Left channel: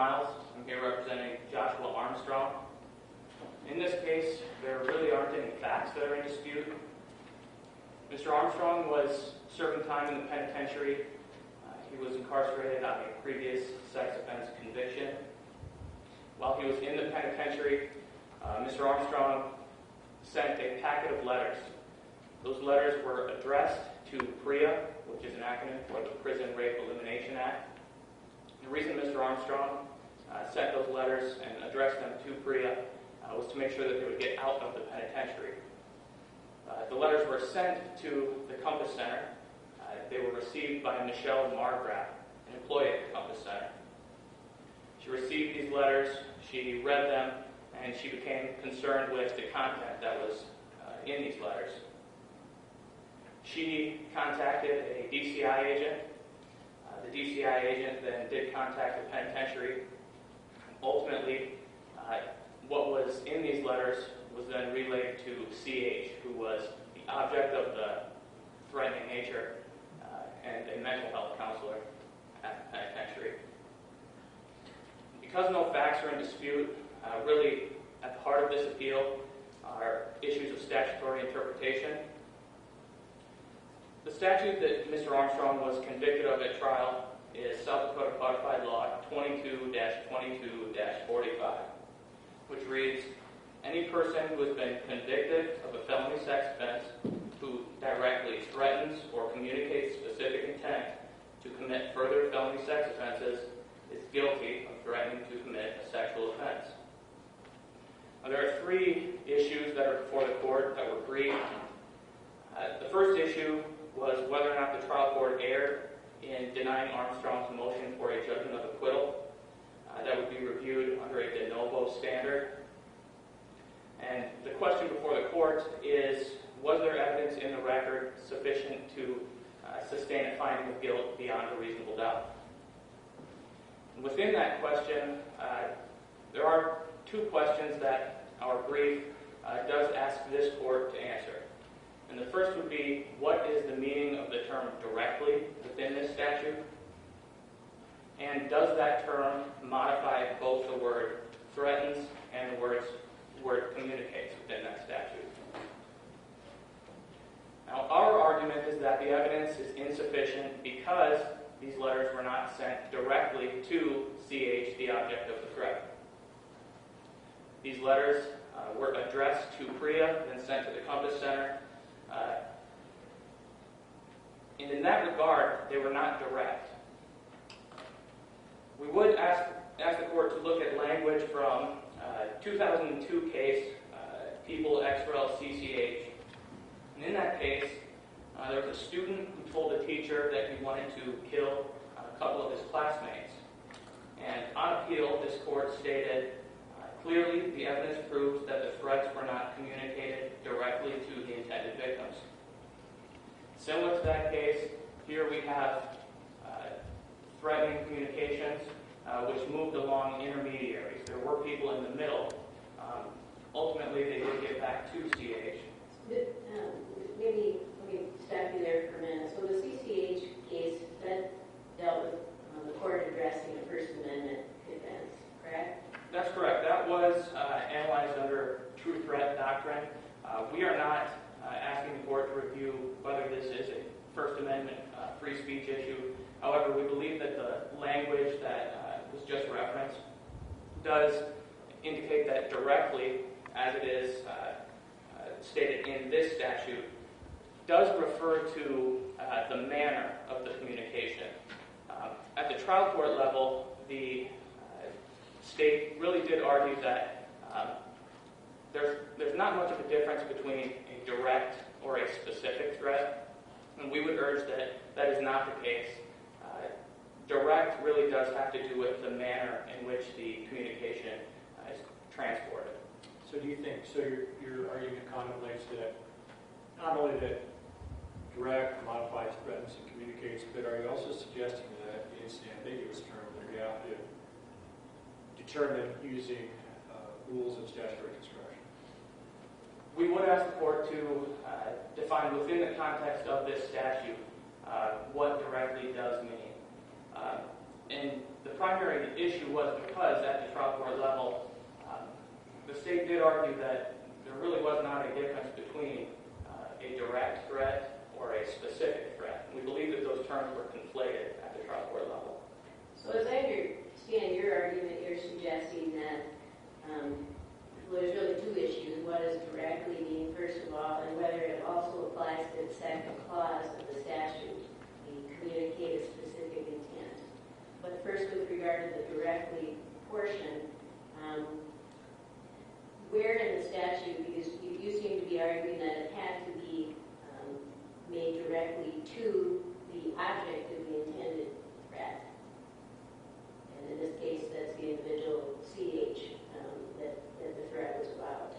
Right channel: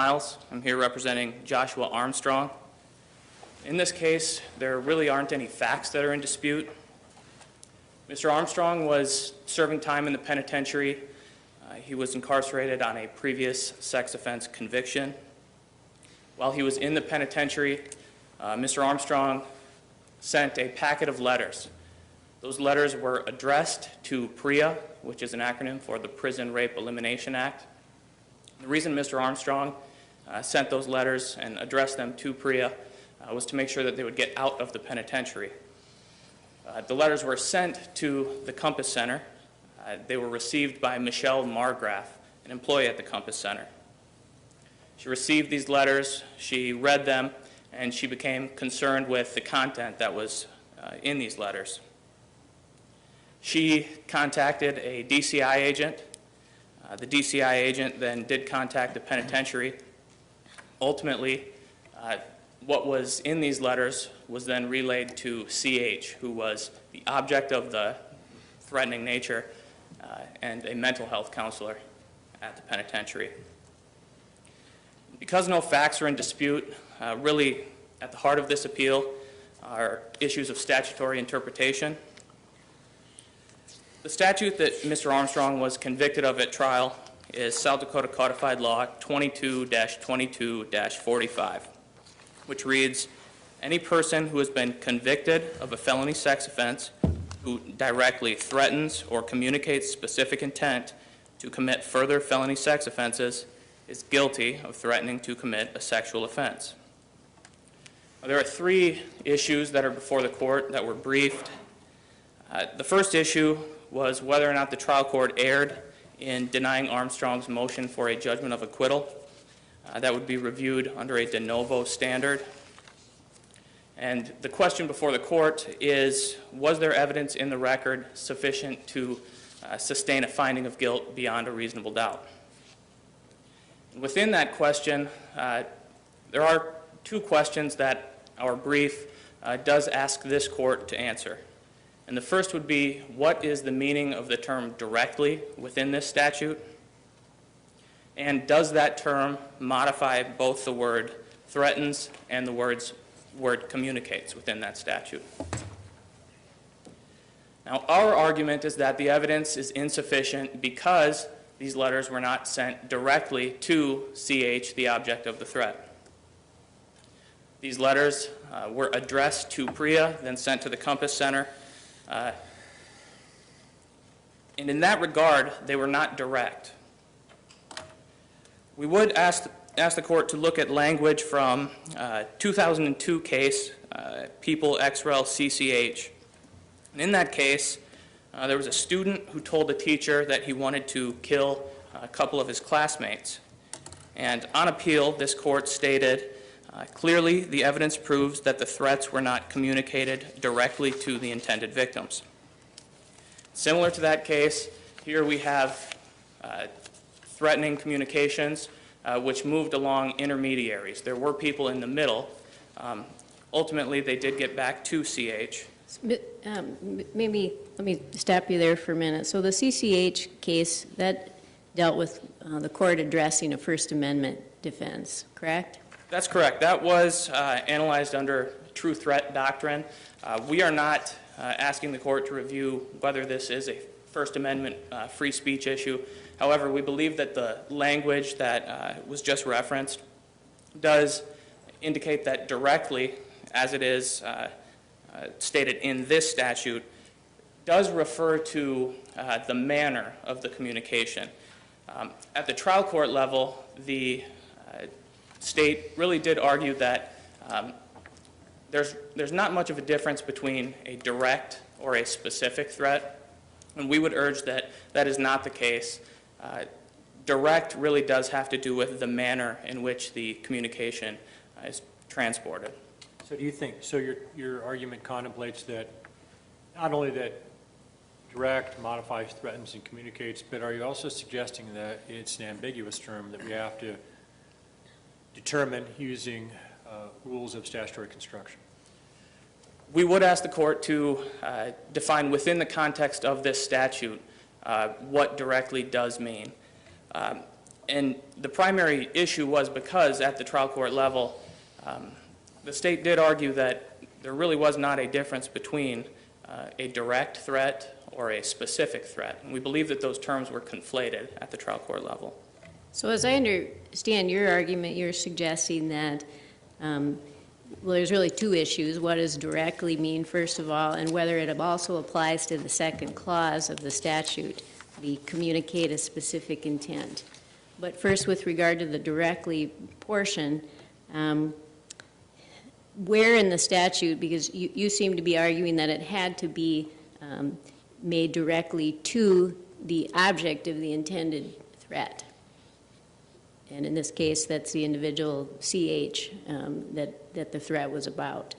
I'm here representing Joshua Armstrong. In this case, there really aren't any facts that are in dispute. Mr. Armstrong was serving time in the penitentiary. He was incarcerated on a previous sex offense conviction. While he was in the penitentiary, Mr. Armstrong sent a packet of letters. Those letters were addressed to PREA, which is an acronym for the Prison Rape Elimination Act. The reason Mr. Armstrong sent those letters and addressed them to PREA was to make sure that they would get out of the penitentiary. The letters were sent to the Compass Center. They were received by Michelle Margraf, an employee at the Compass Center. She received these letters, she read them, and she became concerned with the content that was in these letters. She contacted a DCI agent. The DCI agent then did contact the penitentiary. Ultimately, what was in these letters was then relayed to CH, who was the object of the threatening nature and a mental health counselor at the penitentiary. Because no facts are in dispute, really at the heart of this appeal are issues of statutory interpretation. The statute that Mr. Armstrong was convicted of at trial is South Dakota Codified Law 22-22-45, which reads, "Any person who has been convicted of a felony sex offense who directly threatens or communicates specific intent to commit further felony sex offenses is guilty of threatening to commit a sexual offense." There are three issues that are before the court that were briefed. The first issue was whether or not the trial court erred in denying Armstrong's motion for a judgment of acquittal. That would be reviewed under a de novo standard. And the question before the court is, was there evidence in the record sufficient to sustain a finding of guilt beyond a reasonable doubt? Within that question, there are two questions that our brief does ask this court to answer. And the first would be, what is the meaning of the term directly within this statute? And does that term modify both the word threatens and the word communicates within that statute? Now, our argument is that the evidence is insufficient because these letters were not sent directly to CH, the object of the threat. These letters were addressed to PREA, then sent to the Compass Center. And in that regard, they were not direct. We would ask the court to look at language from 2002 case, People ex rel CCH. And in that case, there was a student who told the teacher that he wanted to kill a couple of his classmates. And on appeal, this court stated, clearly the evidence proves that the threats were not communicated directly to the intended victims. Similar to that case, here we have threatening communications which moved along intermediaries. There were people in the middle. Ultimately, they did get back to CH. Maybe let me stop you there for a minute. So the CCH case, that dealt with the court addressing a First Amendment defense, correct? That's correct. That was analyzed under true threat doctrine. We are not asking the court to review whether this is a First Amendment free speech issue. However, we believe that the language that was just referenced does indicate that directly, as it is stated in this statute, does refer to the manner of the communication. At the trial court level, the state really did argue that there's not much of a difference between a direct or a specific threat, and we would urge that that is not the case. Direct really does have to do with the manner in which the communication is transported. So do you think, so your argument contemplates that not only that direct modifies, threatens, and communicates, but are you also suggesting that it's an ambiguous term that we have to determine using rules of statutory construction? We would ask the court to define within the context of this statute what directly does mean. And the primary issue was because at the trial court level, the state did argue that there really was not a difference between a direct threat or a specific threat. And we believe that those terms were conflated at the trial court level. So as I understand your argument, you're suggesting that, well, there's really two issues. What does directly mean, first of all, and whether it also applies to the second clause of the statute, the communicate a specific intent. But first, with regard to the directly portion, where in the statute, because you seem to be arguing that it had to be made directly to the object of the intended threat. And in this case, that's the individual CH that the threat was about.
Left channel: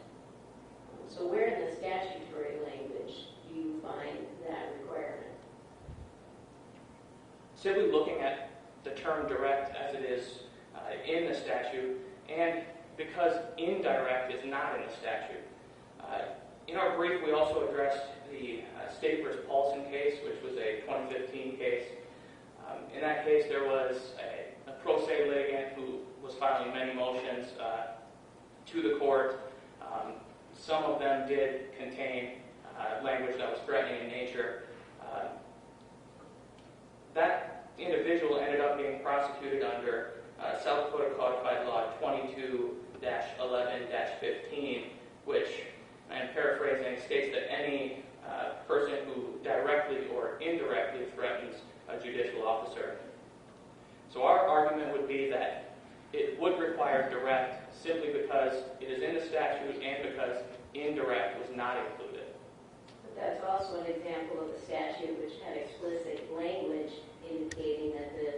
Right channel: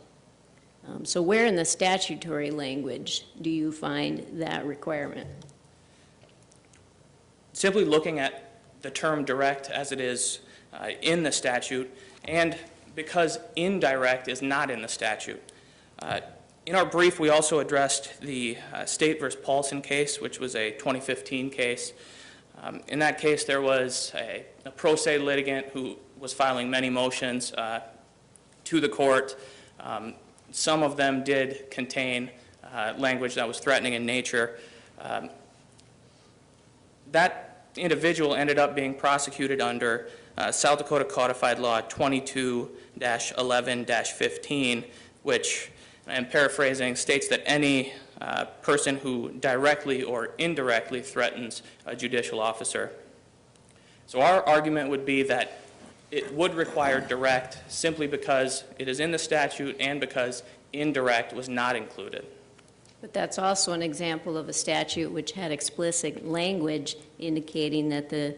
So where in the statutory language do you find that requirement? Simply looking at the term direct as it is in the statute, and because indirect is not in the statute. In our brief, we also addressed the State versus Paulson case, which was a 2015 case. In that case, there was a pro se litigant who was filing many motions to the court. Some of them did contain language that was threatening in nature. That individual ended up being prosecuted under South Dakota Codified Law 22-11-15, which, and paraphrasing, states that any person who directly or indirectly threatens a judicial officer. So our argument would be that it would require direct simply because it is in the statute and because indirect was not included. But that's also an example of a statute which had explicit language indicating that the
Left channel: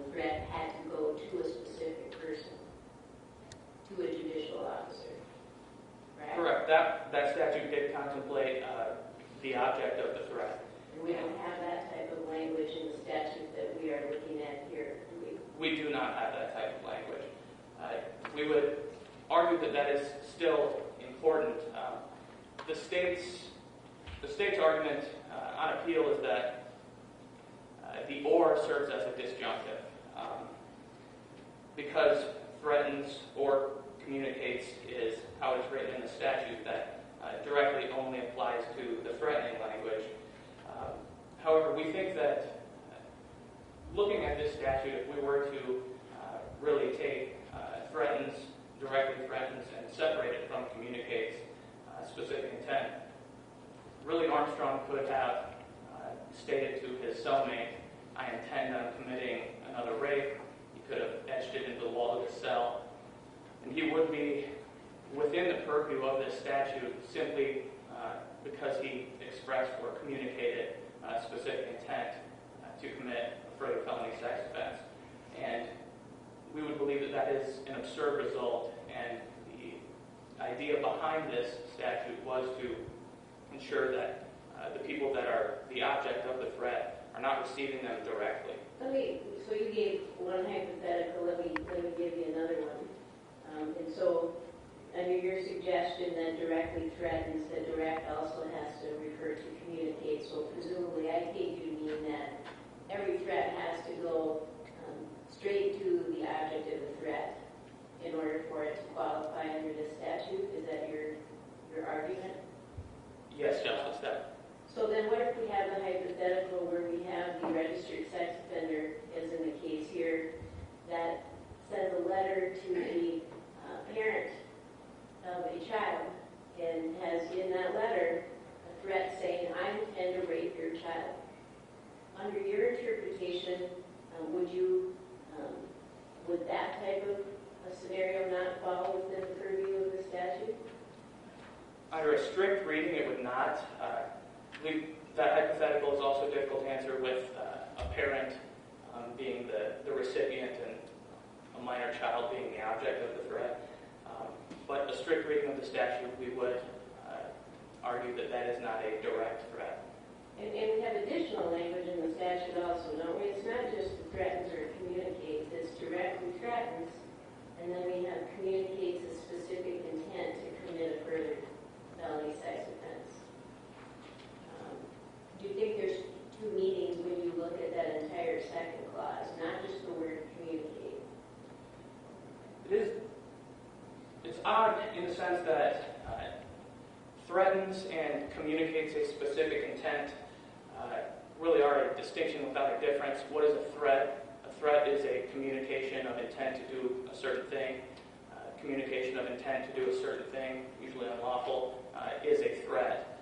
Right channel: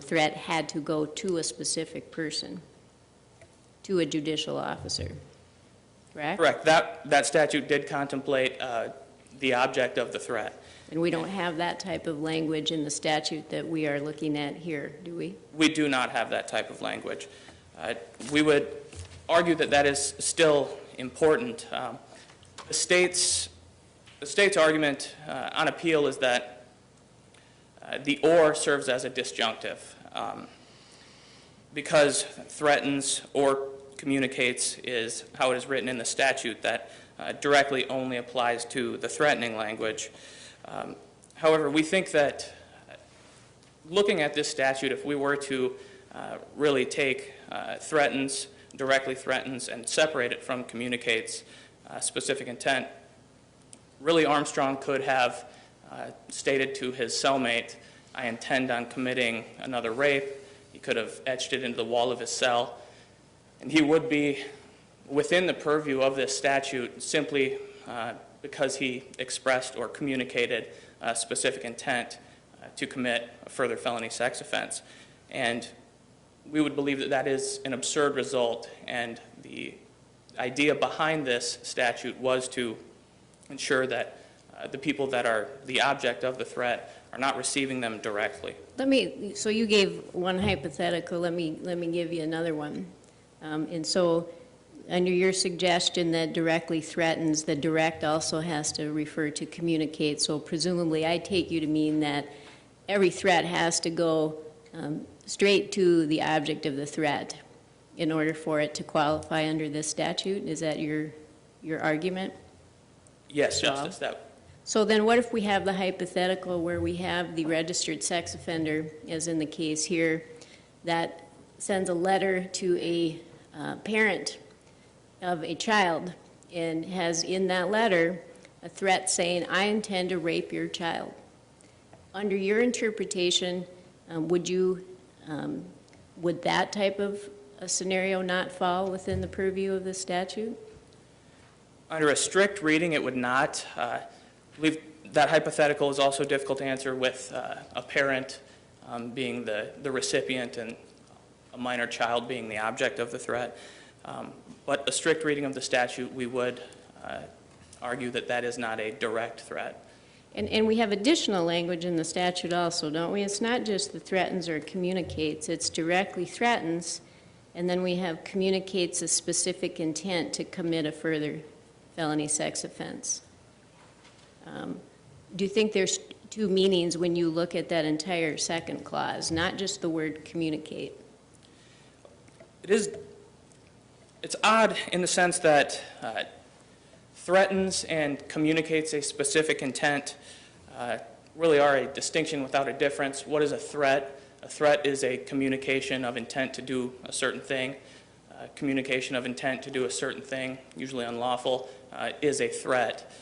threat had to go to a specific person, to a judicial officer, correct? Correct. That statute did contemplate the object of the threat. And we don't have that type of language in the statute that we are looking at here, do we? We do not have that type of language. We would argue that that is still important. The state's argument on appeal is that the or serves as a disjunctive. Because threatens or communicates is how it is written in the statute, that directly only applies to the threatening language. However, we think that looking at this statute, if we were to really take threatens, directly threatens, and separate it from communicates specific intent, really Armstrong could have stated to his cellmate, I intend on committing another rape. He could have etched it into the wall of his cell. And he would be within the purview of this statute simply because he expressed or communicated specific intent to commit a further felony sex offense. And we would believe that that is an absurd result, and the idea behind this statute was to ensure that the people that are the object of the threat are not receiving them directly. So you gave one hypothetical, let me give you another one. And so under your suggestion that directly threatens, the direct also has to refer to communicate. So presumably I take you to mean that every threat has to go straight to the object of the threat in order for it to qualify under this statute. Is that your argument? Yes, Justice. So then what if we have the hypothetical where we have the registered sex offender, as in the case here, that sends a letter to a parent of a child and has in that letter a threat saying, I intend to rape your child. Under your interpretation, would that type of a scenario not fall within the purview of the statute? Under a strict reading, it would not. I believe that hypothetical is also difficult to answer with a parent being the recipient and a minor child being the object of the threat. But a strict reading of the statute, we would argue that that is not a direct threat. And we have additional language in the statute also, don't we? It's not just the threatens or communicates, it's directly threatens, and then we have communicates a specific intent to commit a further felony sex offense. Do you think there's two meanings when you look at that entire second clause, not just the word communicate. It's odd in the sense that threatens and communicates a specific intent really are a distinction without a difference. What is a threat? A threat is a communication of intent to do a certain thing. Communication of intent to do a certain thing, usually unlawful, is a threat.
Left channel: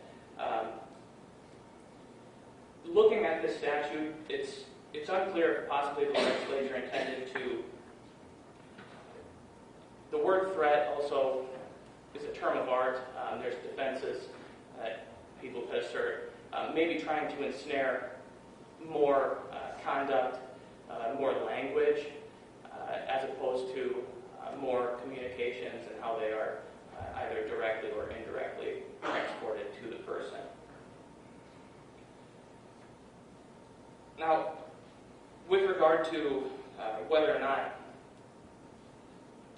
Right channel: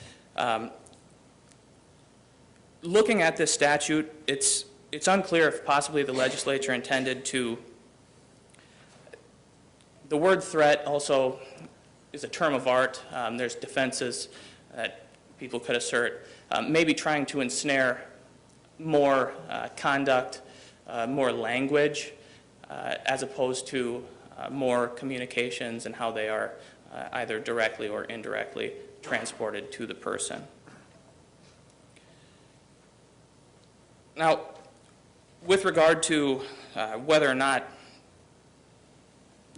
Looking at this statute, it's unclear if possibly the legislature intended to. The word threat also is a term of art. There's defenses that people could assert, maybe trying to ensnare more conduct, more language, as opposed to more communications and how they are either directly or indirectly transported to the person. Now, with regard to whether or not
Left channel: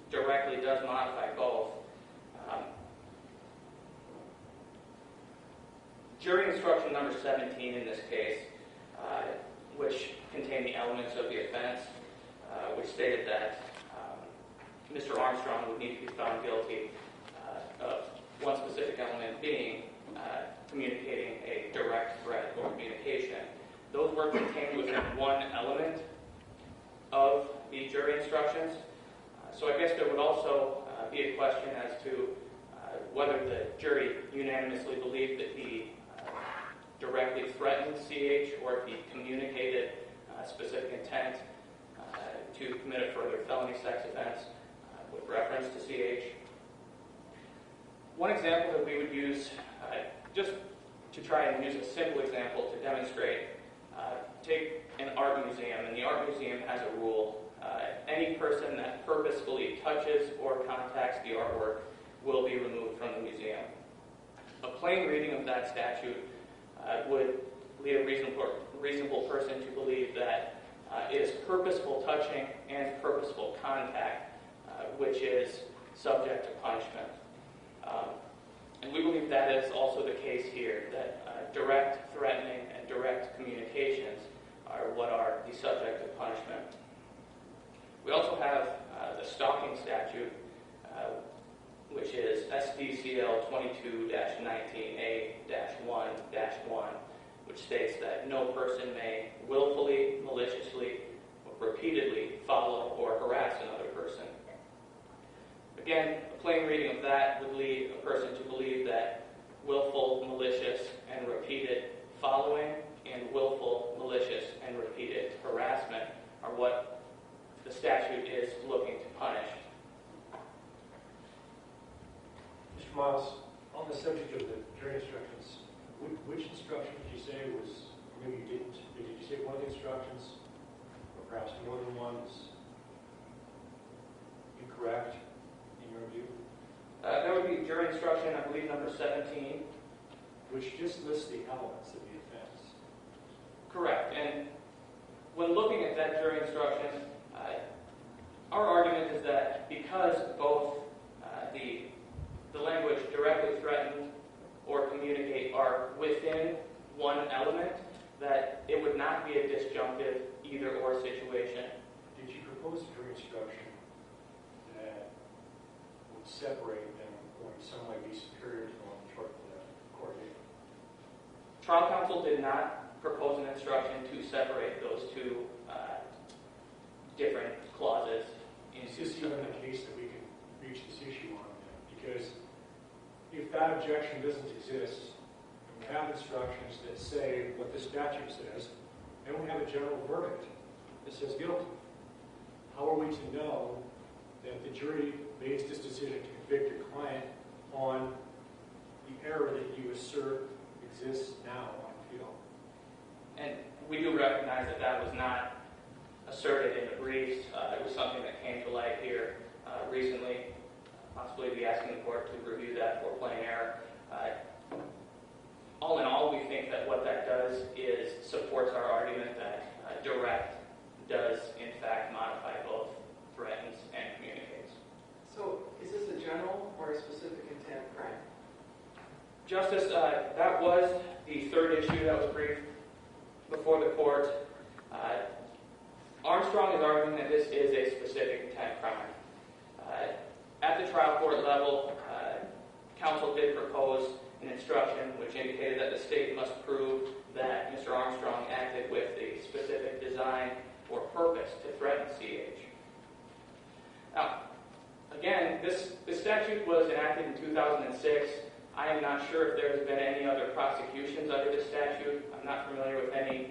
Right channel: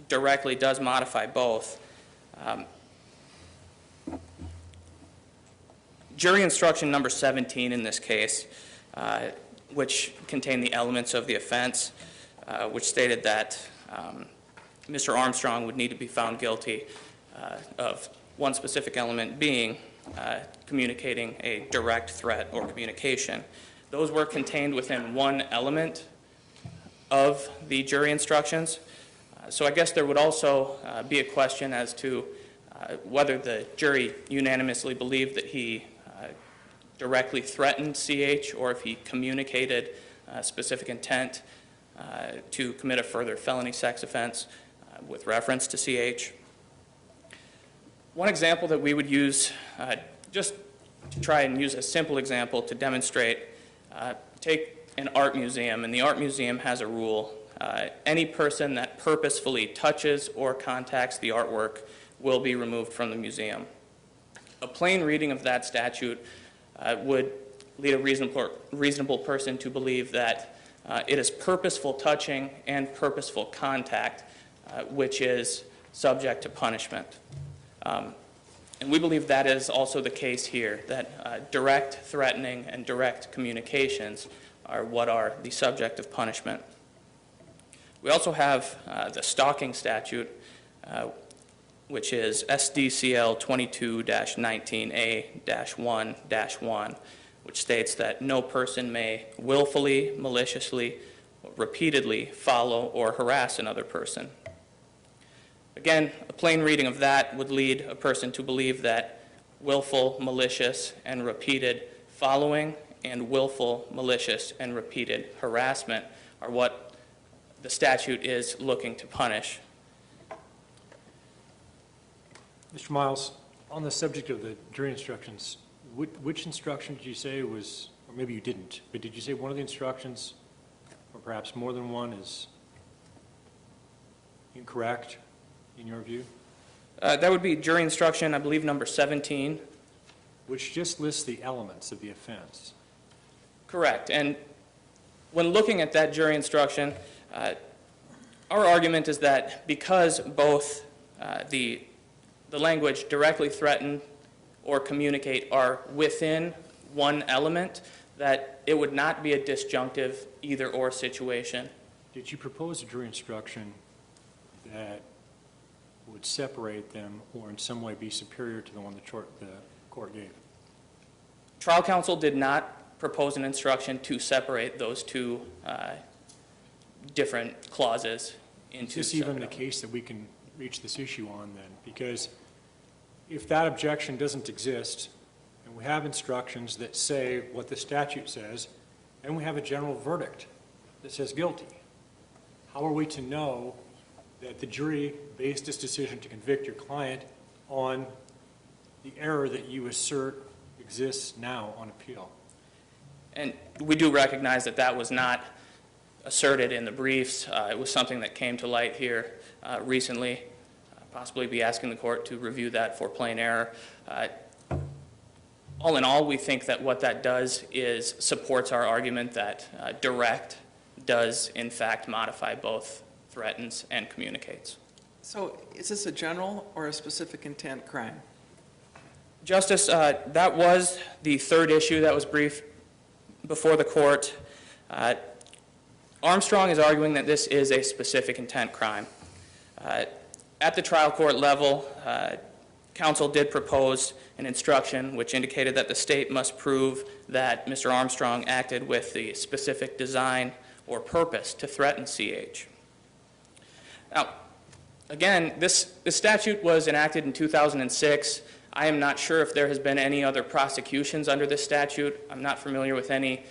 directly does modify both, jury instruction number 17 in this case, which contained the elements of the offense, which stated that Mr. Armstrong would need to be found guilty of one specific element being communicating a direct threat or communication. Those were contained within one element of the jury instructions. So I guess there would also be a question as to whether the jury unanimously believed that he directly threatened CH or if he communicated specific intent to commit a further felony sex offense with reference to CH. One example that we would use, just to try and use a simple example to demonstrate, take an art museum, and the art museum has a rule. Any person that purposefully touches or contacts the artwork will be removed from the museum. A plain reading of that statute would lead a reasonable person to believe that it is purposeful touching and purposeful contact which is subject to punishment. And we believe that is also the case here, that direct threatening and direct communications are what are the subject of punishment. We also have the stalking statute, which is SDCL 22-19A-1-1, which states that no person may willfully, maliciously, or repeatedly follow or harass another person. Again, a plain reading of that would lead a person to believe that willful, malicious, and repeated following and willful, malicious, and repeated harassment are what the statute is looking to punish. Mr. Miles, on the subject of the jury instructions, which instruction did you say was, or maybe you didn't, but did you say one of the instructions, or perhaps more than one, is incorrect in your view? That would be jury instruction, I believe, number 17. Which just lists the elements of the offense. Correct. And when looking at that jury instruction, our argument is that because both the language directly threaten or communicate are within one element, that it would not be a disjunctive either-or situation. Did you propose a jury instruction that would separate them or in some way be superior to the one the court gave? Trial counsel did not propose an instruction to separate those two different clauses into. Is this even the case that we can reach this issue on then? Because if that objection doesn't exist, and we have instructions that say what the statute says, and we have a general verdict that says guilty, how are we to know that the jury based its decision to convict your client on the error that you assert exists now on appeal? And we do recognize that that was not asserted in the briefs. It was something that came to light here recently. Possibly be asking the court to review that for plain error. All in all, we think that what that does is supports our argument that direct does in fact modify both threatens and communicates. So is this a general or a specific intent crime? Justice, that was the third issue that was briefed before the court, Armstrong is arguing that this is a specific intent crime. At the trial court level, counsel did propose an instruction which indicated that the state must prove that Mr. Armstrong acted with the specific design or purpose to threaten CH. Now, again, this statute was enacted in 2006. I am not sure if there has been any other prosecutions under this statute. I'm not familiar with any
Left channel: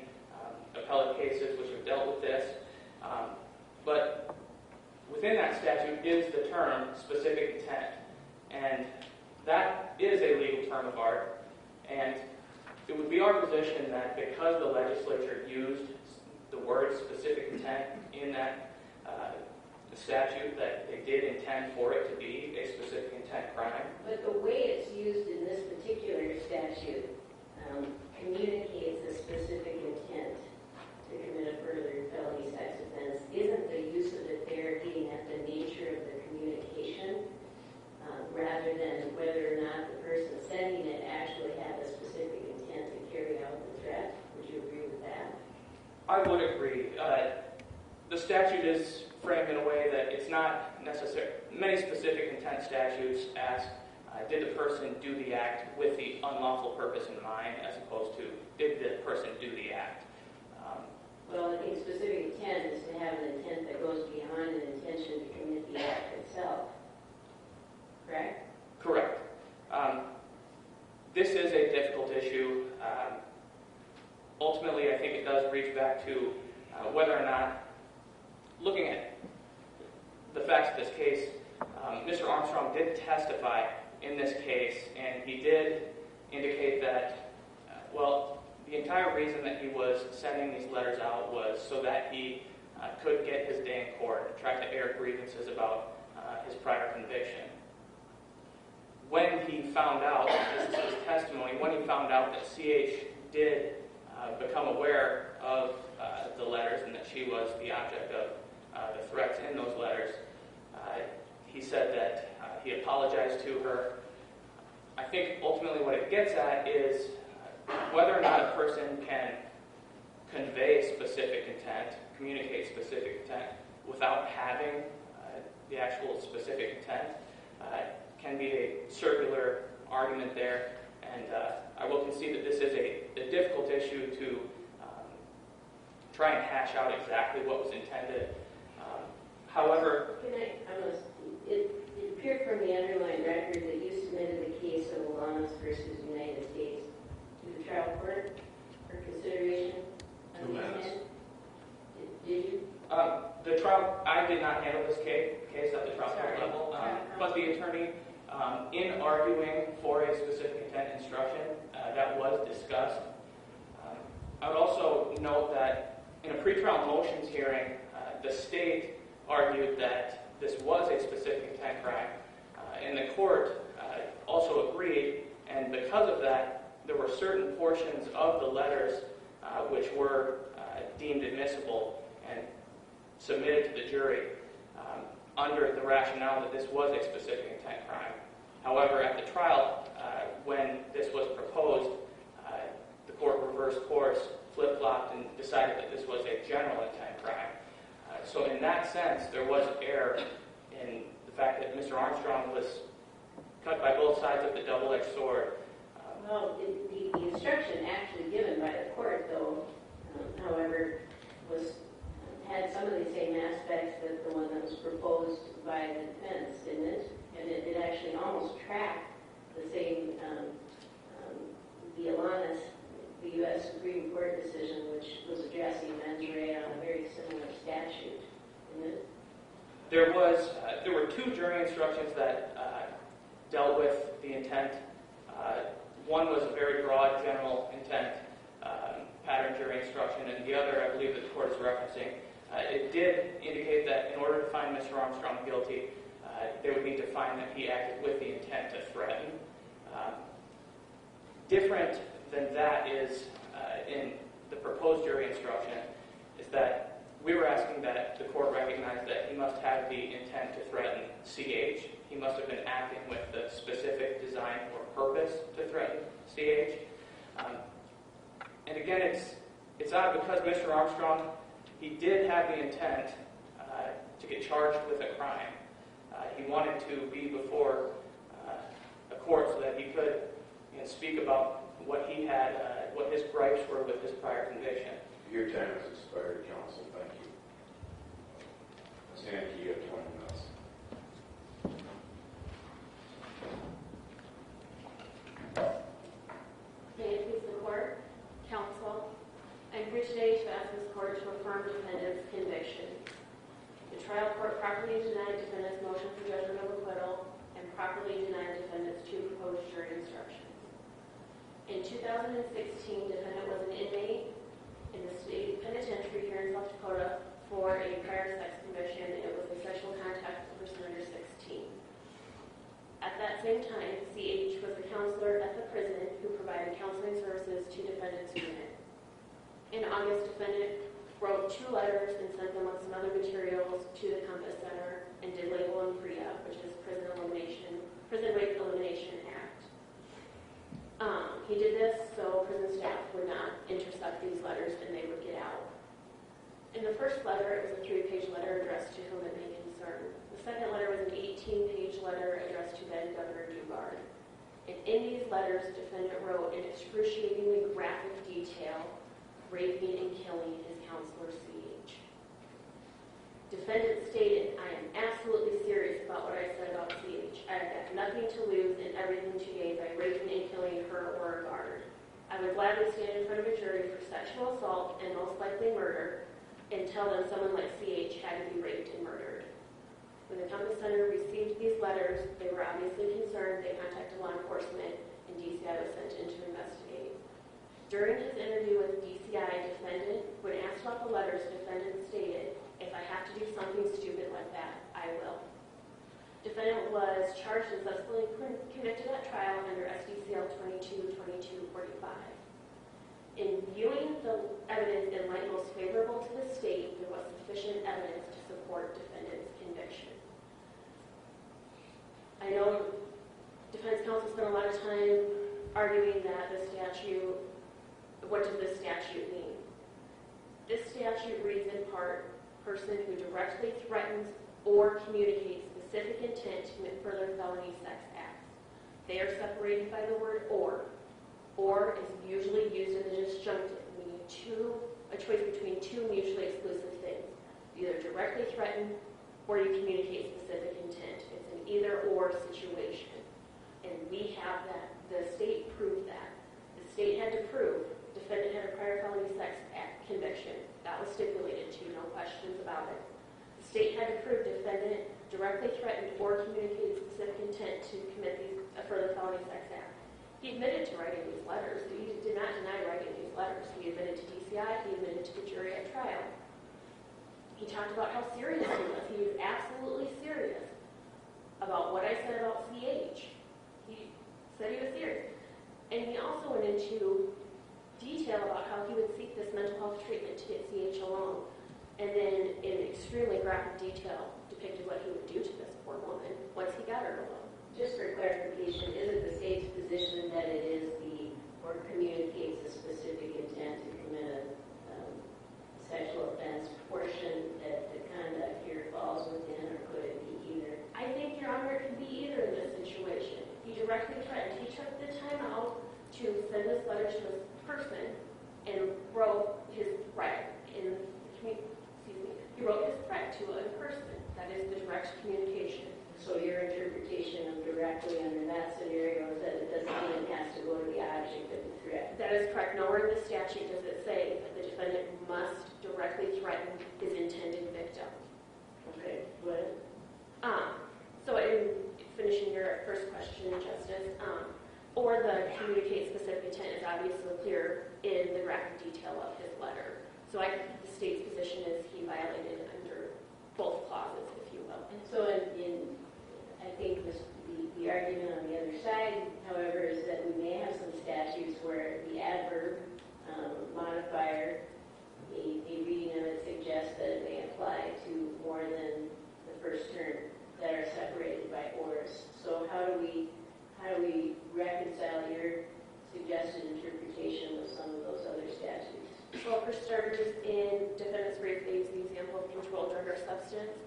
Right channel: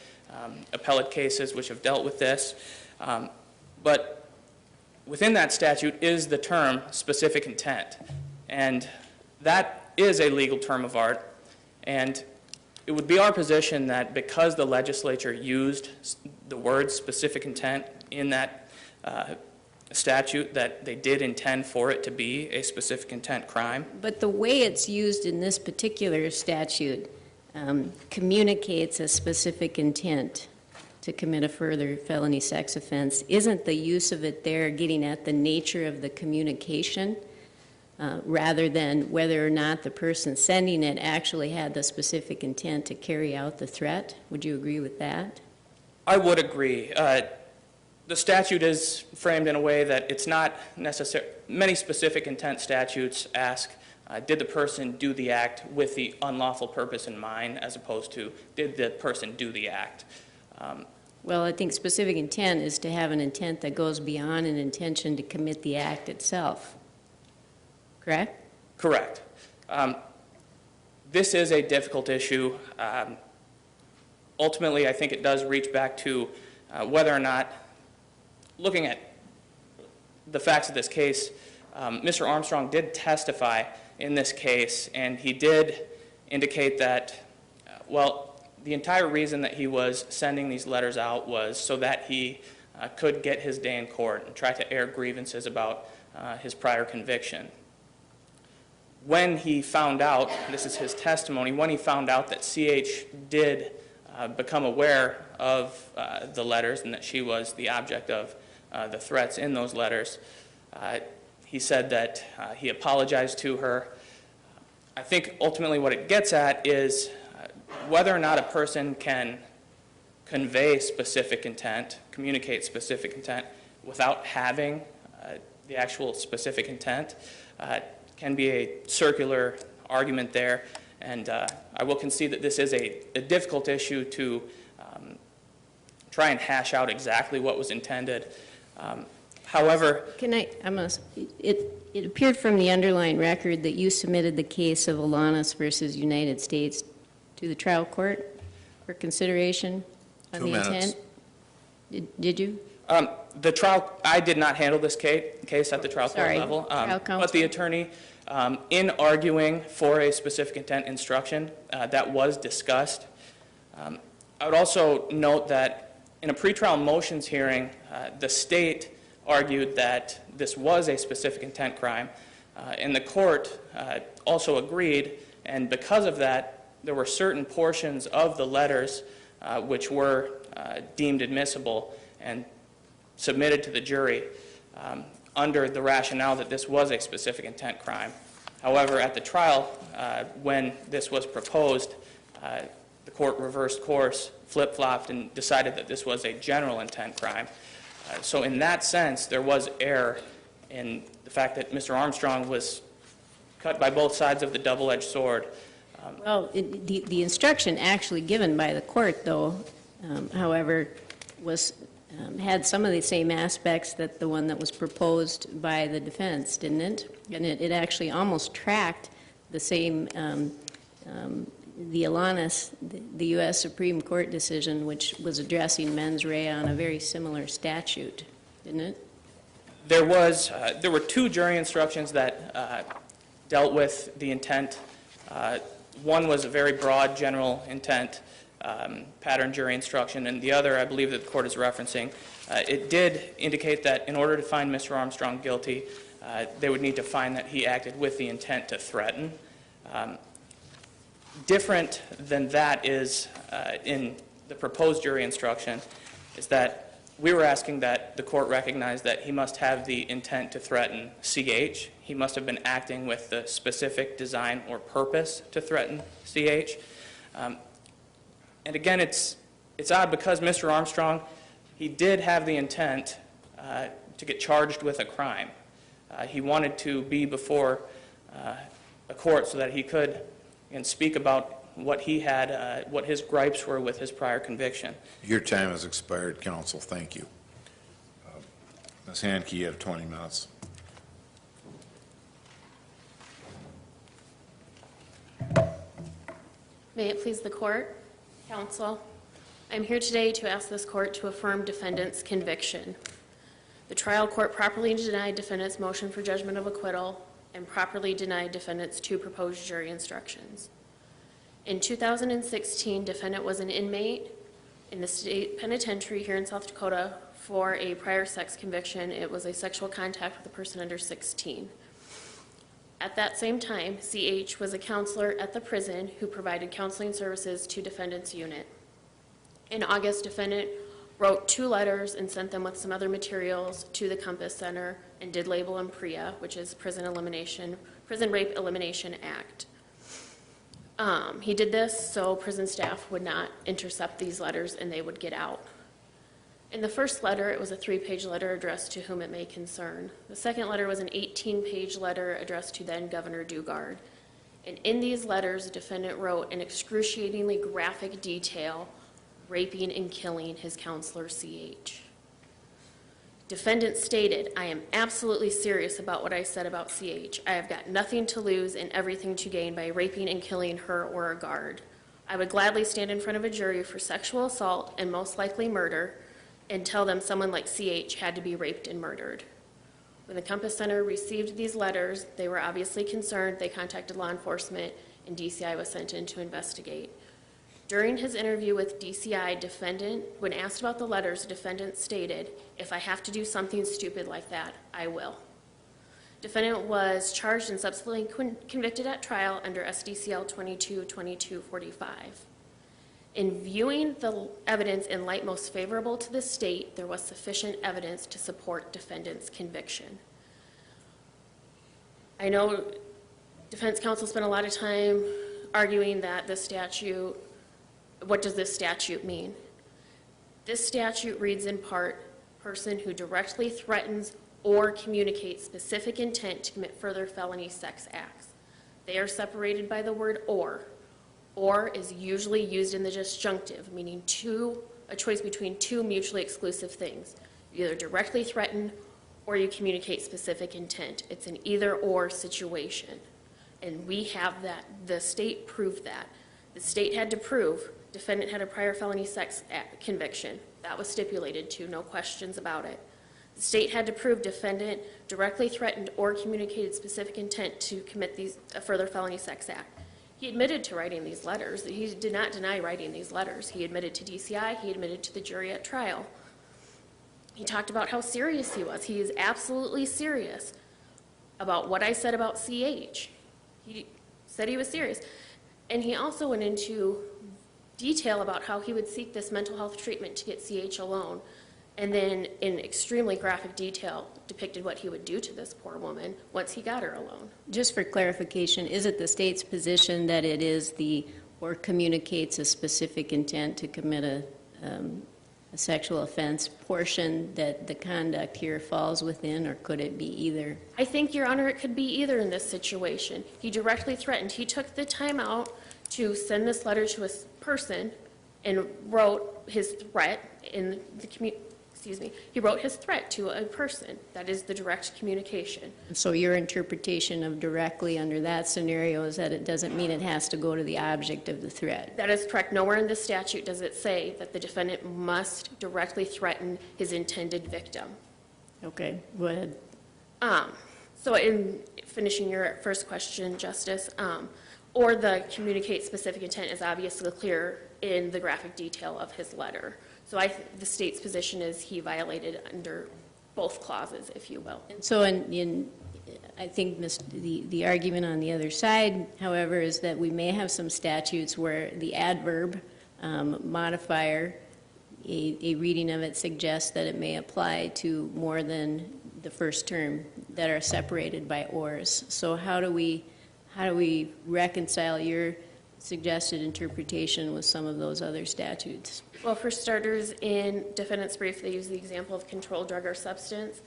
appellate cases which have dealt with this. But within that statute is the term specific intent. And that is a legal term of art. And it would be our position that because the legislature used the word specific intent in that statute, that they did intend for it to be a specific intent crime. But the way it's used in this particular statute communicates a specific intent to commit a further felony sex offense. Isn't the use of it there getting at the nature of the communication rather than whether or not the person sending it actually had the specific intent to carry out the threat? Would you agree with that? I would agree. The statute is framed in a way that it's not necessary. Many specific intent statutes ask, did the person do the act with the unlawful purpose in mind, as opposed to, did the person do the act? Well, I think specific intent is to have an intent that goes beyond an intention to commit the act itself. Correct? Correct. This is a difficult issue. Ultimately, I think it does reach back to whether or not, looking at the facts of this case, Mr. Armstrong did testify in this case, and he did indicate that, well, the entire reason that he was sending these letters out was so that he could get his day in court and try to air grievances about his prior conviction. When he found out, this is his testimony, when he found out that CH did become aware of the letters and that she was the object of the threats in those letters, he said that he apologized to her. I think ultimately what it gets at is whether or not a person can convey specific intent, communicate specific intent, without having the actual specific intent, can be a circular argument there. And I will concede that this is a difficult issue to try and hash out exactly what was intended. However, it appeared from the underlying record that you submitted the case of Alanis versus United States to the trial court for consideration of the intent. Did you? I did not handle this case at the trial court level. But the attorney, in arguing for a specific intent instruction, that was discussed. I would also note that in a pretrial motions hearing, the state argued that this was a specific intent crime, and the court also agreed, and because of that, there were certain portions of the letters which were deemed admissible and submitted to the jury under the rationale that this was a specific intent crime. However, at the trial, when this was proposed, the court reversed course, flip-flopped, and decided that this was a general intent crime. So in that sense, there was error in the fact that Mr. Armstrong was cut by both sides of the double-edged sword. Well, the instruction actually given by the court, though, however, had some of the same aspects that the one that was proposed by the defense, didn't it? And it actually almost tracked the same, the Alanis, the U.S. Supreme Court decision, which was addressing mens rea on a very similar statute, didn't it? There were two jury instructions that dealt with the intent. One was a very broad general intent pattern jury instruction, and the other, I believe that the court is referencing, it did indicate that in order to find Mr. Armstrong guilty, they would need to find that he acted with the intent to threaten. Different than that is, in the proposed jury instruction, is that we were asking that the court recognize that he must have the intent to threaten CH. He must have been acting with the specific design or purpose to threaten CH. And again, it's odd because Mr. Armstrong, he did have the intent to get charged with a crime. He wanted to be before a court so that he could and speak about what he had, what his gripes were with his prior conviction. Your time has expired, counsel. Thank you. Ms. Handke, you have 20 minutes. May it please the court, counsel, I'm here today to ask this court to affirm defendant's conviction. The trial court properly denied defendant's motion for judgment of acquittal and properly denied defendant's 2 proposed jury instructions. In 2016, defendant was an inmate in the state penitentiary here in South Dakota for a prior sex conviction. It was a sexual contact with a person under 16. At that same time, CH was a counselor at the prison who provided counseling services to defendant's unit. In August, defendant wrote 2 letters and sent them with some other materials to the Compass Center and did label them PREA, which is Prison Rape Elimination Act. He did this so prison staff would not intercept these letters and they would get out. In the first letter, it was a 3-page letter addressed to whom it may concern. The second letter was an 18-page letter addressed to then Governor Dugard. And in these letters, the defendant wrote in excruciatingly graphic detail, raping and killing his counselor, CH. Defendant stated, I am absolutely serious about what I said about CH. I have got nothing to lose and everything to gain by raping and killing her or a guard. I would gladly stand in front of a jury for sexual assault and most likely murder and tell them someone like CH had to be raped and murdered. When the Compass Center received these letters, they were obviously concerned. They contacted law enforcement and DCI was sent in to investigate. During his interview with DCI, defendant, when asked about the letters, defendant stated, if I have to do something stupid like that, I will. Defendant was charged and subsequently convicted at trial under SDCL 22-2245. In viewing the evidence in light most favorable to the state, there was sufficient evidence to support defendant's conviction. I know defense counsel spent a lot of time arguing that the statute, what does this statute mean? This statute reads in part, person who directly threatens or communicates specific intent to commit further felony sex acts. They are separated by the word or. Or is usually used in the disjunctive, meaning a choice between 2 mutually exclusive things. You either directly threaten or you communicate specific intent. It's an either or situation. And we have that, the state proved that. The state had to prove defendant had a prior felony sex act conviction. That was stipulated to, no questions about it. The state had to prove defendant directly threatened or communicated specific intent to commit a further felony sex act. He admitted to writing these letters. He did not deny writing these letters. He admitted to DCI. He admitted to the jury at trial. He talked about how serious he was. He is absolutely serious about what I said about CH. He said he was serious. And he also went into detail about how he would seek this mental health treatment to get CH alone. And then in extremely graphic detail depicted what he would do to this poor woman once he got her alone. Just for clarification, is it the state's position that it is or communicates a specific intent to commit a sexual offense portion that the conduct here falls within, or could it be either? I think, Your Honor, it could be either in this situation. He directly threatened. He took the time out to send this letter to a person and wrote his threat in the he wrote his threat to a person. That is the direct communication. So your interpretation of directly under that scenario is that it doesn't mean it has to go to the object of the threat. That is correct. Nowhere in the statute does it say that the defendant must directly threaten his intended victim. Okay, go ahead. So in finishing your first question, Justice, or the communicate specific intent is obviously clear in the graphic detail of his letter. So the state's position is he violated under both clauses, if you will. And so I think the argument on the other side, however, is that we may have some statutes where the adverb modifier, a reading of it suggests that it may apply to more than the first term that are separated by ors. So how do we reconcile your suggested interpretation with some of those other statutes? Well, for starters, in defendant's brief, they use the example of controlled drug or substance,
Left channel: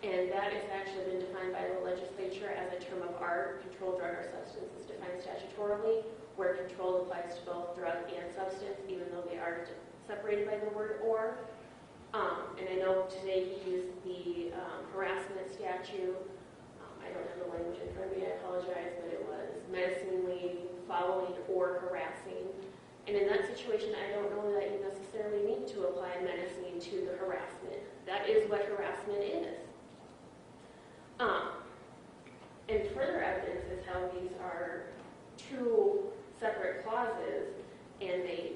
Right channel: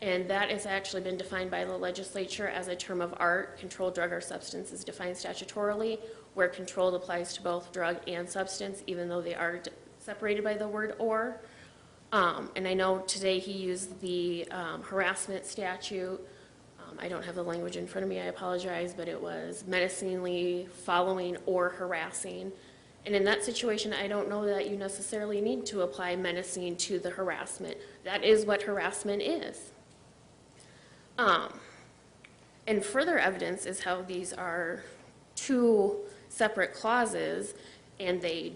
and that has actually been defined by the legislature as a term of art. Controlled drug or substance is defined statutorily, where controlled applies to both drug and substance, even though they are separated by the word or. And I know today he used the harassment statute. I don't have the language in front of me, I apologize, but it was menacingly following or harassing. And in that situation, I don't know that you necessarily need to apply menacing to the harassment. That is what harassment is. And further evidence is how these are two separate clauses and they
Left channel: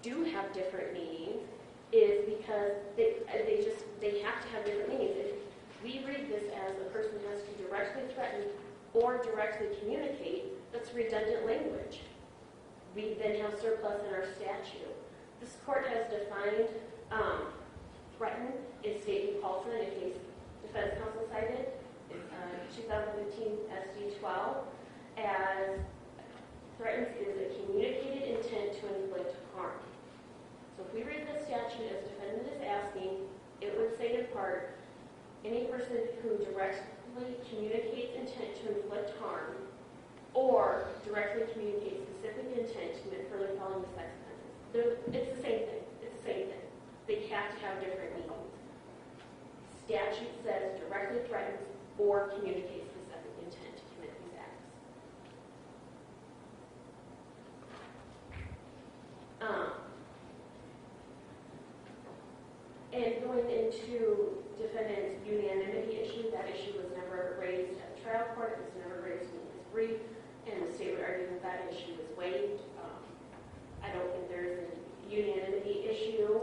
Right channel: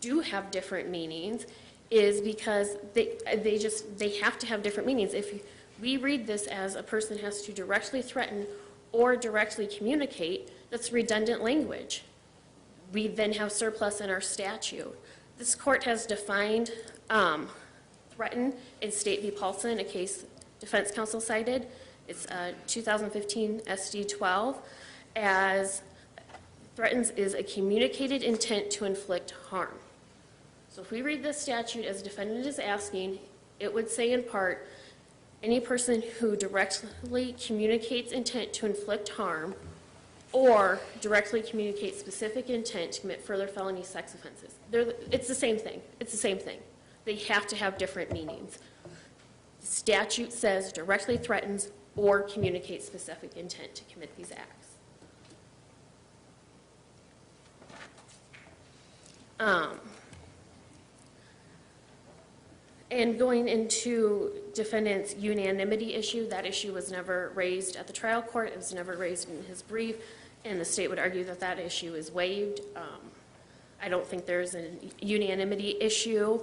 do have different meanings is because they have to have different meanings. If we read this as a person has to directly threaten or directly communicate, that's redundant language. We then have surplus in our statute. This court has defined threaten in State v. Paulson, a case defense counsel cited. It's 2015 SD 12 as threatens is a communicated intent to inflict harm. So if we read this statute as defendant is asking, it would say in part, any person who directly communicates intent to inflict harm or directly communicates specific intent to commit further felony sex offenses. It's the same thing. It's the same thing. They have to have different meanings. The statute says directly threatens or communicates specific intent to commit these acts. And going into defendant's unanimity issue, that issue was never raised at the trial court. It was never raised in his brief, and the state would argue that that issue is waived. I don't think there's a unanimity issue.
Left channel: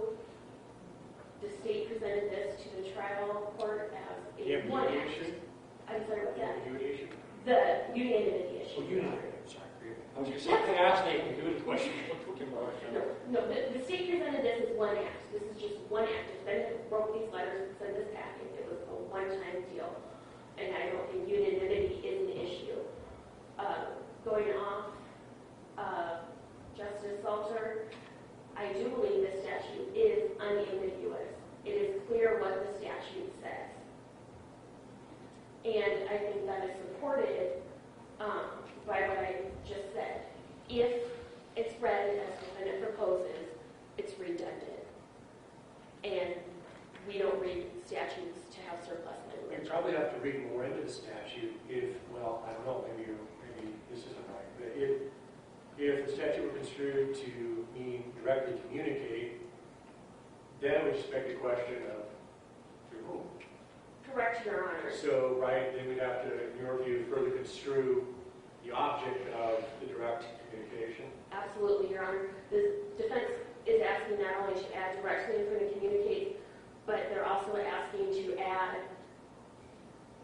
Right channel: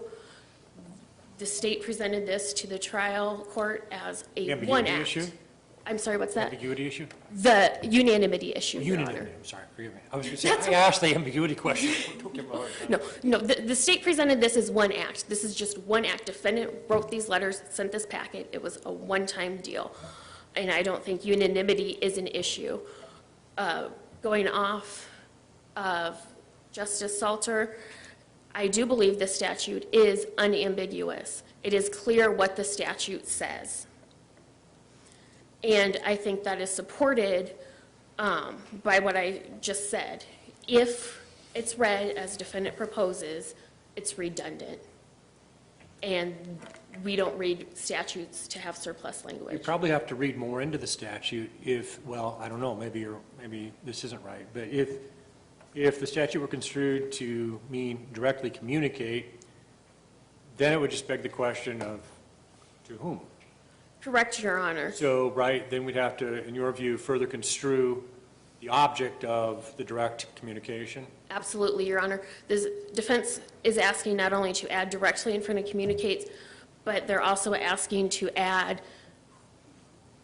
The state presented this to the trial court as a one act. Issue? I'm sorry, what's that? Ambiguity issue? The unanimity issue, Your Unanimity, Honor. sorry, forgive me. I was going to say, I asked the ambiguity question. No, the state presented this as one act. This is just one act. Defendant wrote these letters, sent this packet. It was a one-time deal. And I don't think unanimity is an issue. Going off of Justice Salter, I do believe the statute is unambiguous. It is clear what the statute says. And I think that is supported by what I just said. If it's read as defendant proposes, it's redundant. And we don't read statutes to have surplus We language. probably have to read more into the statute if, well, I don't know, maybe this isn't right, but if the statute were construed to mean directly communicate, then it would just beg the question of to whom? Correct, Your Honor. So, right, then we'd have to, in your view, further construe the object of the direct communication? Absolutely, Your Honor. This defense is asking not only to add directly in front of communicates, but they're also asking to add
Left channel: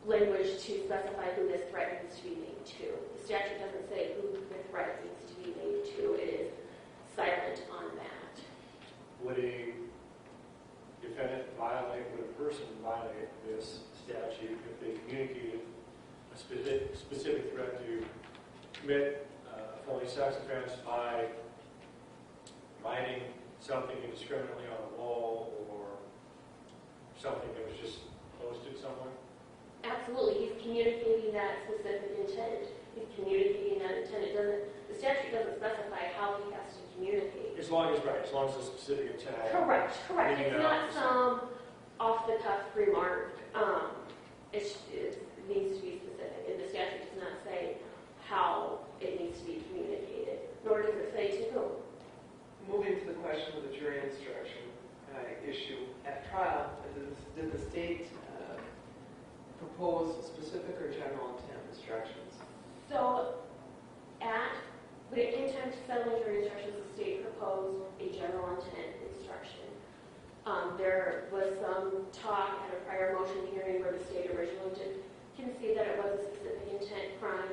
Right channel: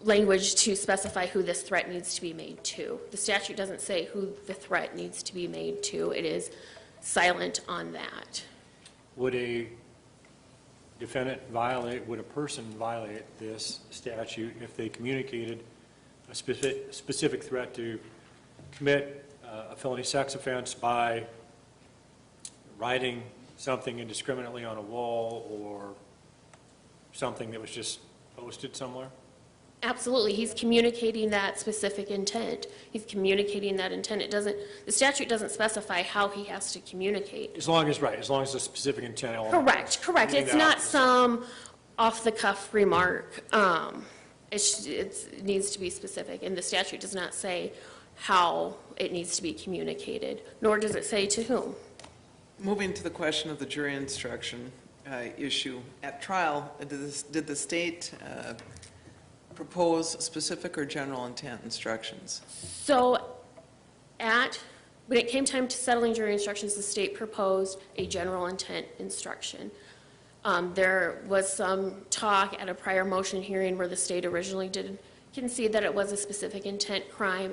language to specify who this threat needs to be made to. The statute doesn't say who the threat needs to be made to. It is silent on that. Would a person violate this statute if they communicated a specific threat to commit a felony sex offense by writing something indiscriminately on a wall or something that was just posted somewhere? Absolutely. He's communicating that specific intent. He's communicating that intent. The statute doesn't specify how he has to communicate. As long as a specific intent element. Correct. It's not some off-the-cuff remark. It needs to be specific, and the statute does not say how it needs to be communicated, nor does it say to whom. Moving to the question of the jury instruction issue, at trial, did the state propose specific or general intent instructions? So when it came time to settling jury instructions, the state proposed a general intent instruction. There was some talk at a prior motion hearing where the state originally did concede that it was a specific intent crime,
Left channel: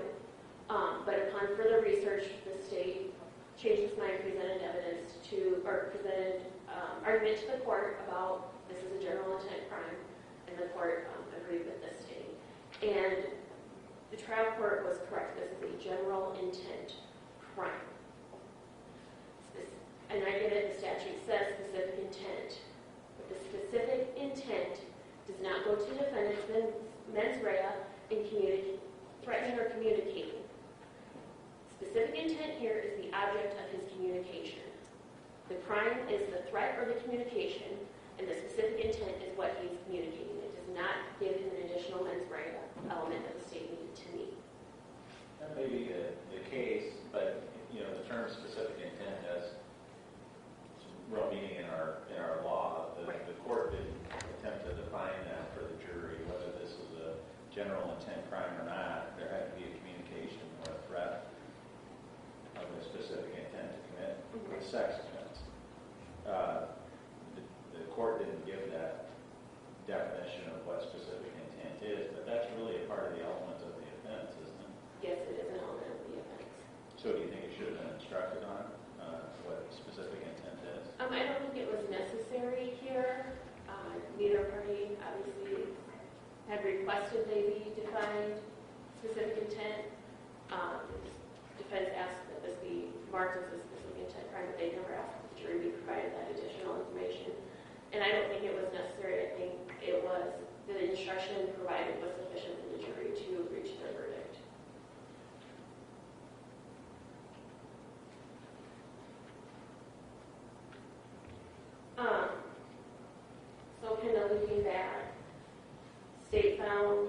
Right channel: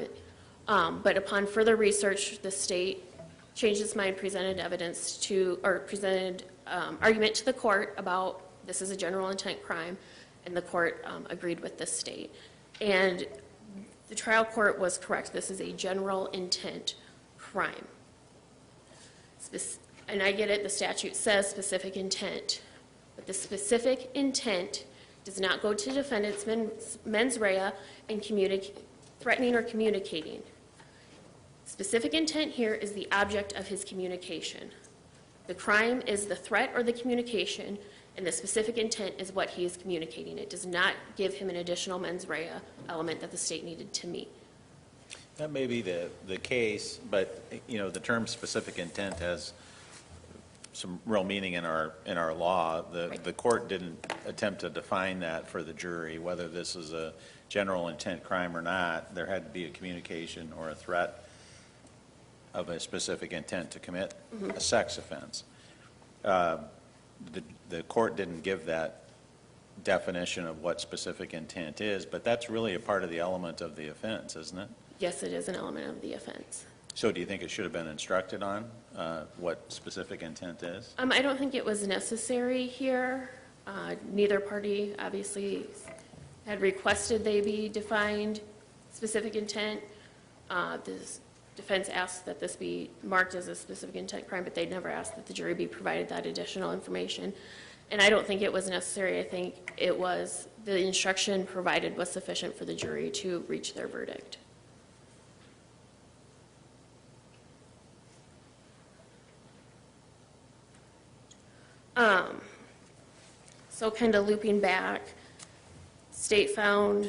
but upon further research, the state changed its mind, presented argument to the court about this is a general intent crime, and the court agreed with the state. And the trial court was correct. This is a general intent crime. And I get it, the statute says specific intent, but the specific intent does not go to defendant's mens rea and threatening or communicating. Specific intent here is the object of his communication. The crime is the threat or the communication, and the specific intent is what he is communicating. It does not give him an additional mens rea element that the state needed to meet. That may be the case, but, you know, the term specific intent has some real meaning in our law. Right. The court didn't attempt to define that for the jury, whether this is a general intent crime or not. There had to be a communication or a threat of a specific intent to commit a sex offense. The court didn't give that definition of what specific intent is, but that's really a part of the element of the offense, isn't it? Yes, it is an element of the offense. So do you think it should have been instructed on what specific intent is? I don't think it was necessary here. Neither party obviously had requested they be defined specific intent. The defense asked that this be marked as a specific intent crime, but they never asked that the jury be provided that additional information. And I don't think it was necessary. I think it was the instruction provided was sufficient for the jury to reach their verdict. So kind of looping back, state believes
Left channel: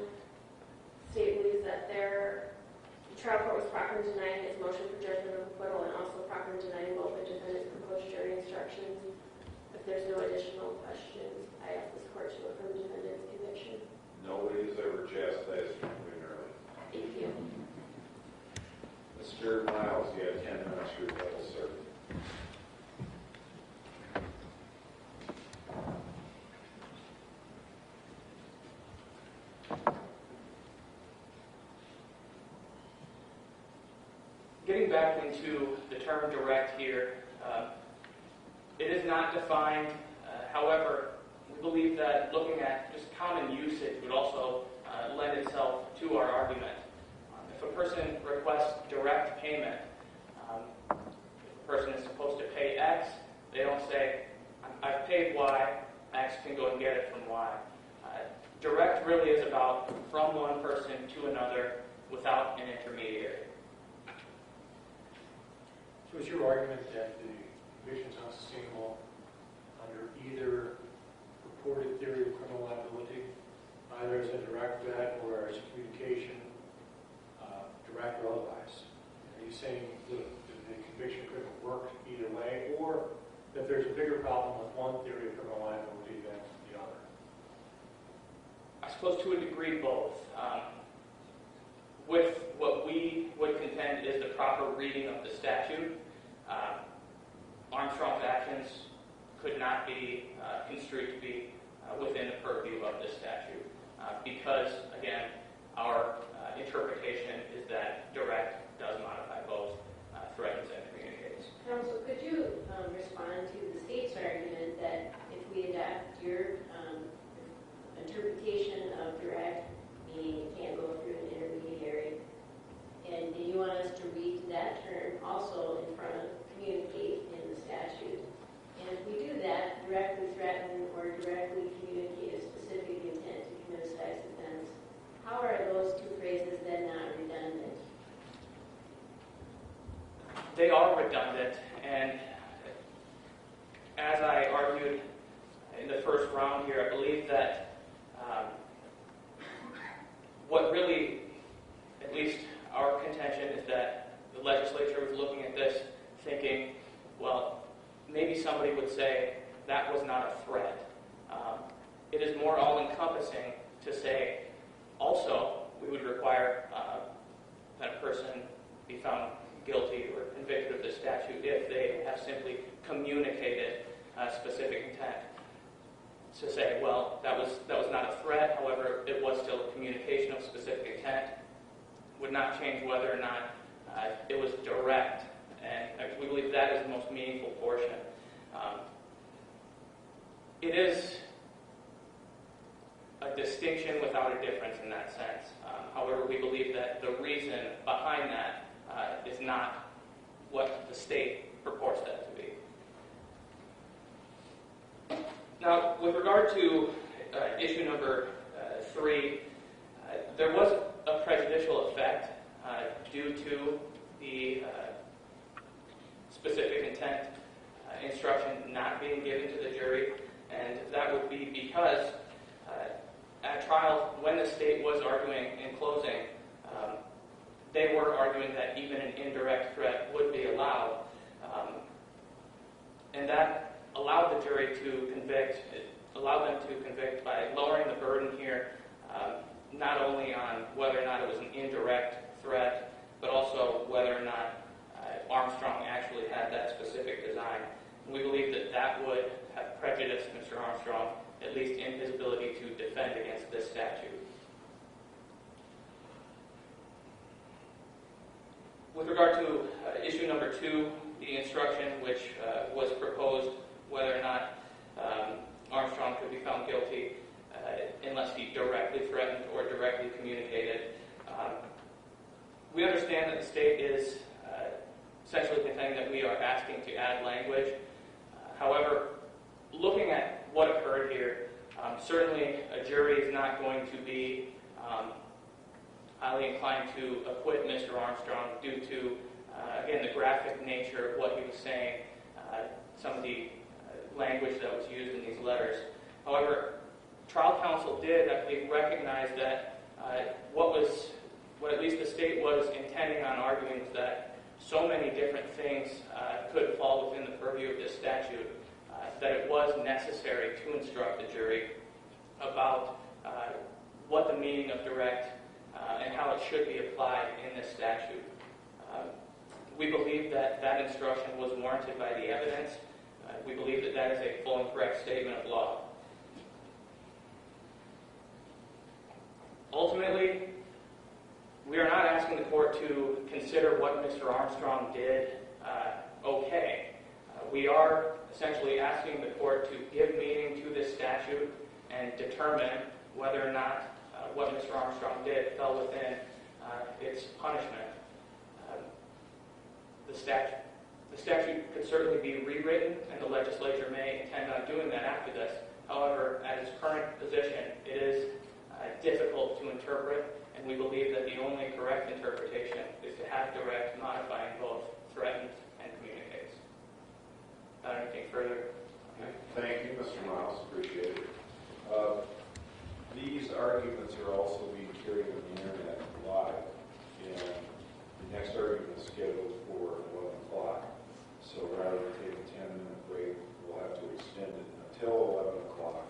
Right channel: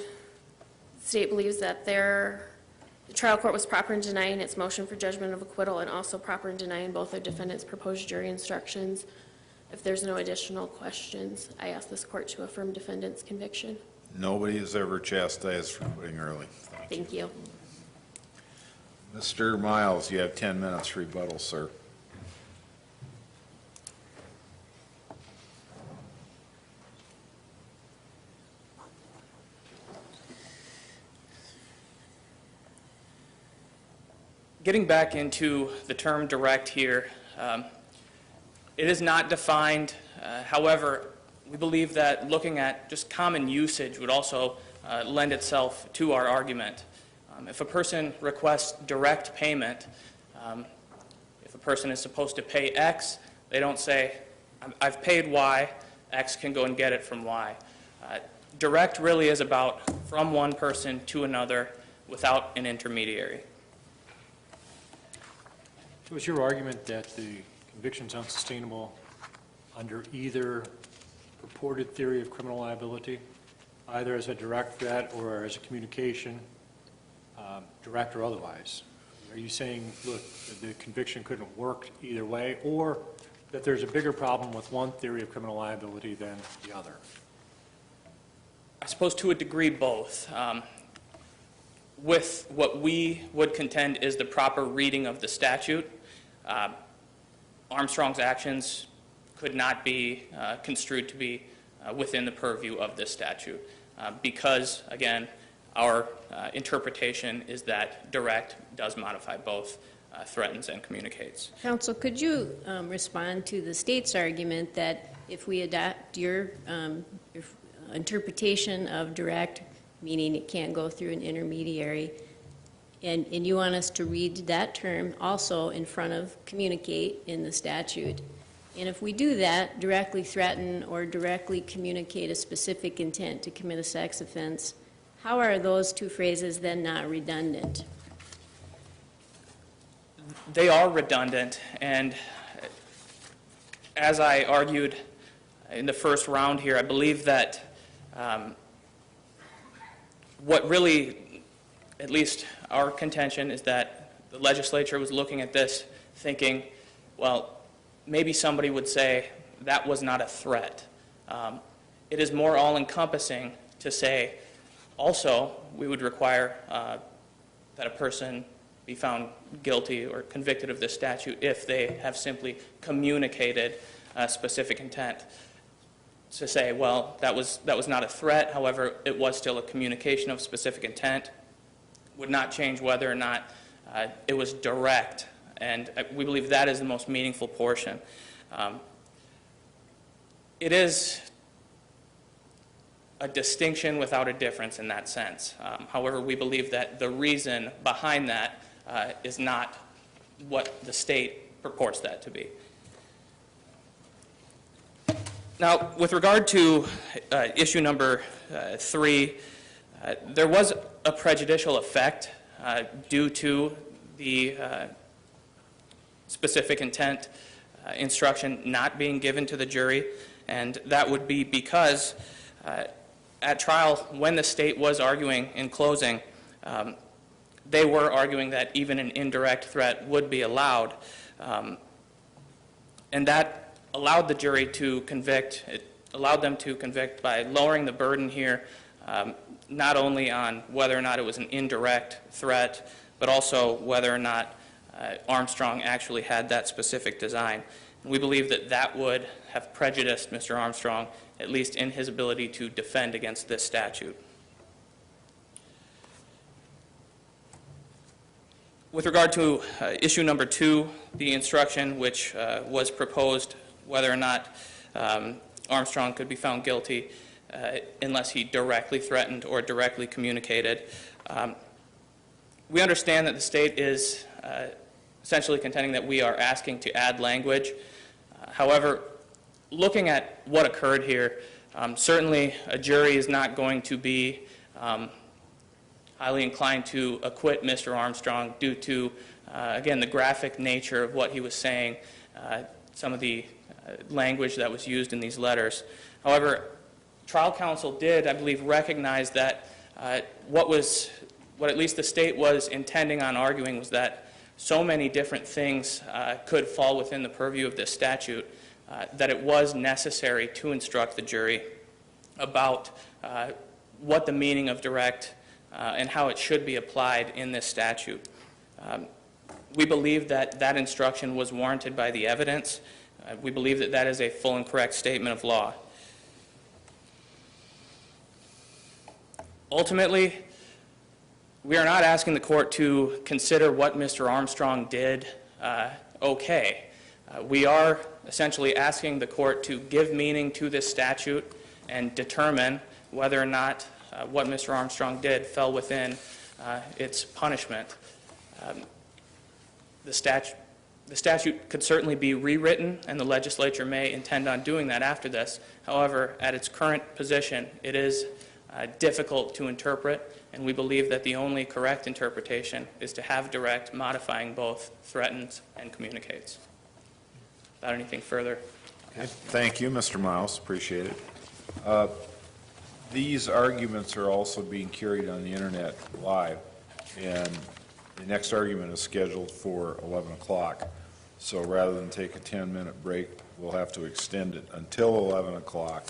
that the trial court was proper in denying its motion for judgment of acquittal and also proper in denying both the defendant's proposed jury instructions. If there's no additional questions, I ask this court to affirm defendant's conviction. Nobody is ever chastised for quitting early. Thank you. Mr. Miles, you have 10 minutes rebuttal, sir. Getting back into the term direct here, it is not defined. However, we believe that looking at just common usage would also lend itself to our argument. If a person requests direct payment, if a person is supposed to pay X, they don't say, I've paid Y, X can go and get it from Y. Direct really is about from one person to another without an intermediary. So is your argument that the conviction's unsustainable under either purported theory of criminal liability, either as a direct threat or as a communication, direct or otherwise? Are you saying, look, the conviction couldn't have worked either way, or that there's a bigger problem with one theory of criminal liability than the other? I suppose to a degree both. With what we would contend is the proper reading of the statute, Armstrong's actions could not be construed to be within the purview of this statute because, again, our interpretation is that direct does modify both threatens and communicates. Counsel, could you respond to the state's argument that if we adopt your interpretation of direct, meaning it can't go through an intermediary, and you want us to read that term also in front of communicate in the statute, and if we do that, directly threaten or directly communicate a specific intent to commit a sex offense, how are those two phrases then not redundant? They are redundant, and as I argued in the first round here, I believe that what really, at least our contention, is that the legislature was looking at this thinking, well, maybe somebody would say that was not a threat. It is more all-encompassing to say, also, we would require that a person be found guilty or convicted of this statute if they have simply communicated specific intent. To say, well, that was not a threat, however, it was still a communication of specific intent, would not change whether or not it was direct, and we believe that is the most meaningful portion. It is a distinction without a difference in that sense. However, we believe that the reason behind that is not what the state purports that to be. Now, with regard to issue number 3, there was a prejudicial effect due to the specific intent instruction not being given to the jury, and that would be because at trial, when the state was arguing in closing, they were arguing that even an indirect threat would be allowed, and that allowed the jury to convict. It allowed them to convict by lowering the burden here, not only on whether or not it was an indirect threat, but also whether or not Armstrong actually had that specific design. We believe that that would have prejudiced Mr. Armstrong, at least in his ability to defend against this statute. With regard to issue number 2, the instruction which was proposed, whether or not Armstrong could be found guilty unless he directly threatened or directly communicated. We understand that the state is essentially contending that we are asking to add language. However, looking at what occurred here, certainly a jury is not going to be highly inclined to acquit Mr. Armstrong due to, again, the graphic nature of what he was saying, some of the language that was used in these letters. However, trial counsel did, I believe, recognize that what at least the state was intending on arguing was that so many different things could fall within the purview of this statute that it was necessary to instruct the jury about what the meaning of direct and how it should be applied in this statute. We believe that that instruction was warranted by the evidence. We believe that that is a full and correct statement of law. Ultimately, we are not asking the court to consider what Mr. Armstrong did okay. We are essentially asking the court to give meaning to this statute and determine whether or not what Mr. Armstrong did fell within its punishment. The statute could certainly be rewritten, and the legislature may intend on doing that after this. However, at its current position, it is difficult to interpret, and we believe that the only correct interpretation is to have direct modifying both threatens and communicates. Without anything further. Okay. Thank you, Mr. Miles. Appreciate it. These arguments are also being carried on the internet live, and the next argument is scheduled for 11 o'clock. So rather than take a 10-minute break, we'll have to extend it until 11 o'clock.